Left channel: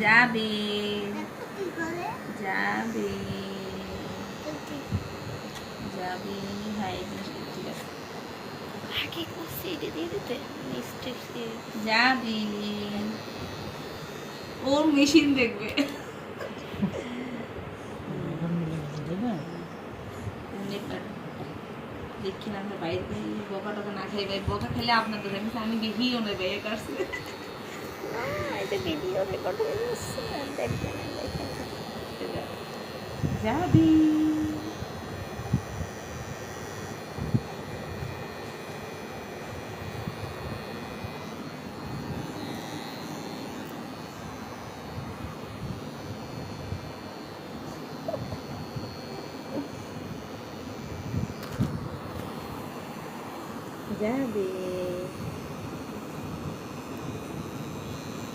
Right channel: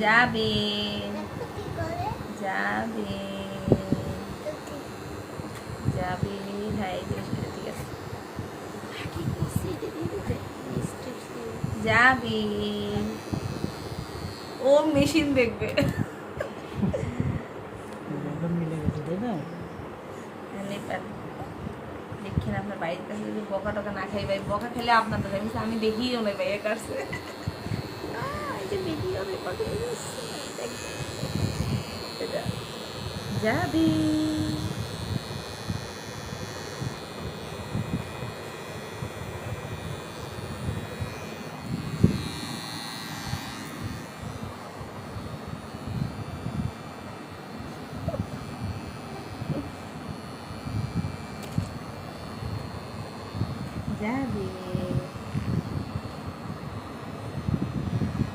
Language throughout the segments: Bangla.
যাবে যাবে যাবে ভাই ঠিক আছে আগে করছি এটা দিয়ে দিতে স্ট্রিপস দিয়ে যাবে ও মেশিন দেখবে দেখছেন আপনার বাইরে কাছে বকা টকা না খাই ভাই বকা খেলে আপনাদের আমি দেখিও না ভাইয়ের কাছে না এটা ভিডিও রেকর্ড যাবি যাবে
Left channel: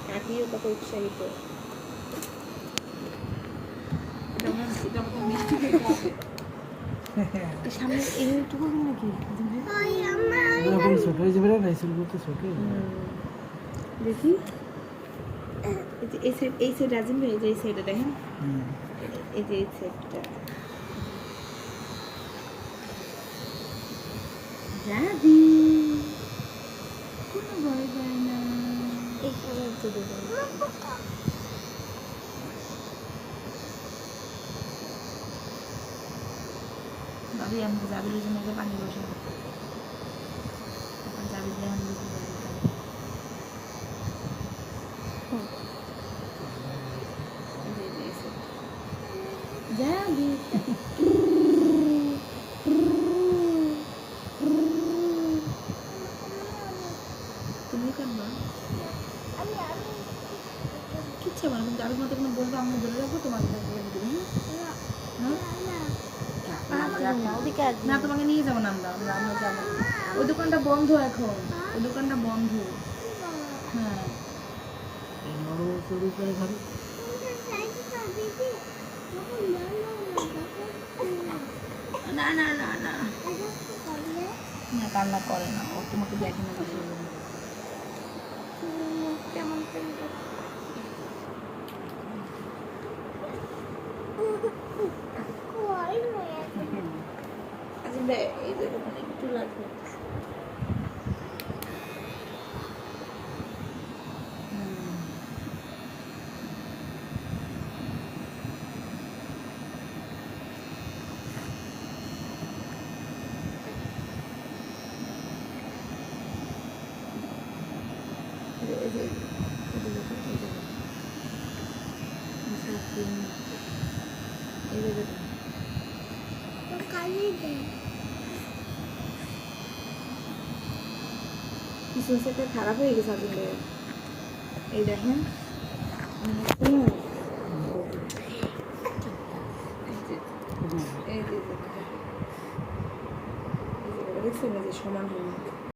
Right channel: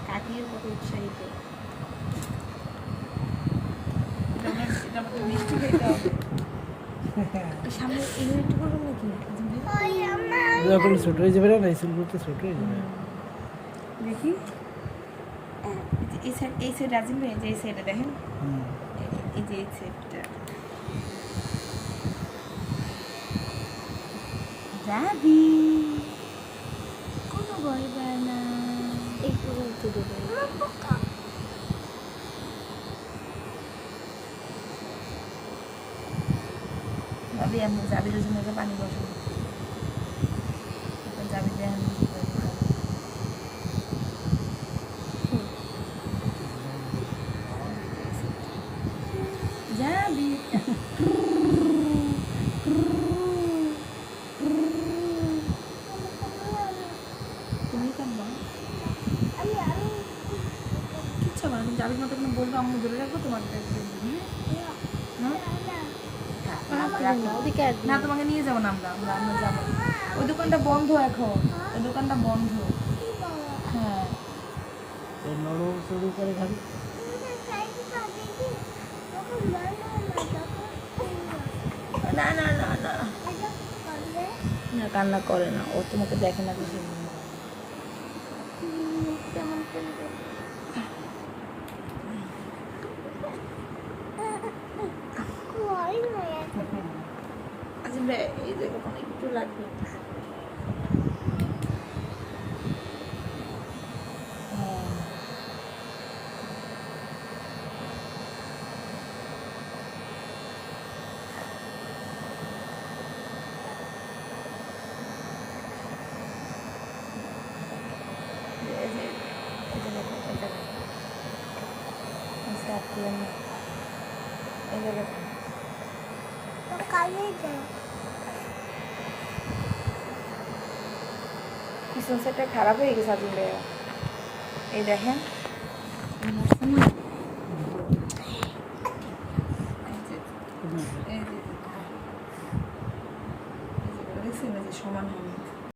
কাকিও কত উৎসাহিত ছোট হয়ে যাবে না ছোট হয়ে যাবে দেখি এই সাইড রাজিম ভাই যে এই সাইডে দেখেন এই যে এই সাইডটা যাবি কোনো ভয় পায় না ভাবি আমি যাবির জন্য একটা পানি বসাবো যাবি দেখেন যাবি তুমি কাটবা কিচ্ছু না যাবির মতো তুমি বলবো আমি ধরে রাখবো তোমাকে না তোমাকে নিয়ে যাবো না আমরা যাবো ওই দোকানটা বন্ধ এখন ওই দোকানটা বন্ধ হ্যাঁ না না না না না কান্না করে না ও তোমাকে দেখে না কেমন করে এই যে একটু লাগবে পিছন সাইডটা খারাপ হয়ে গেছে আসলে এই দেখেন সমান হবে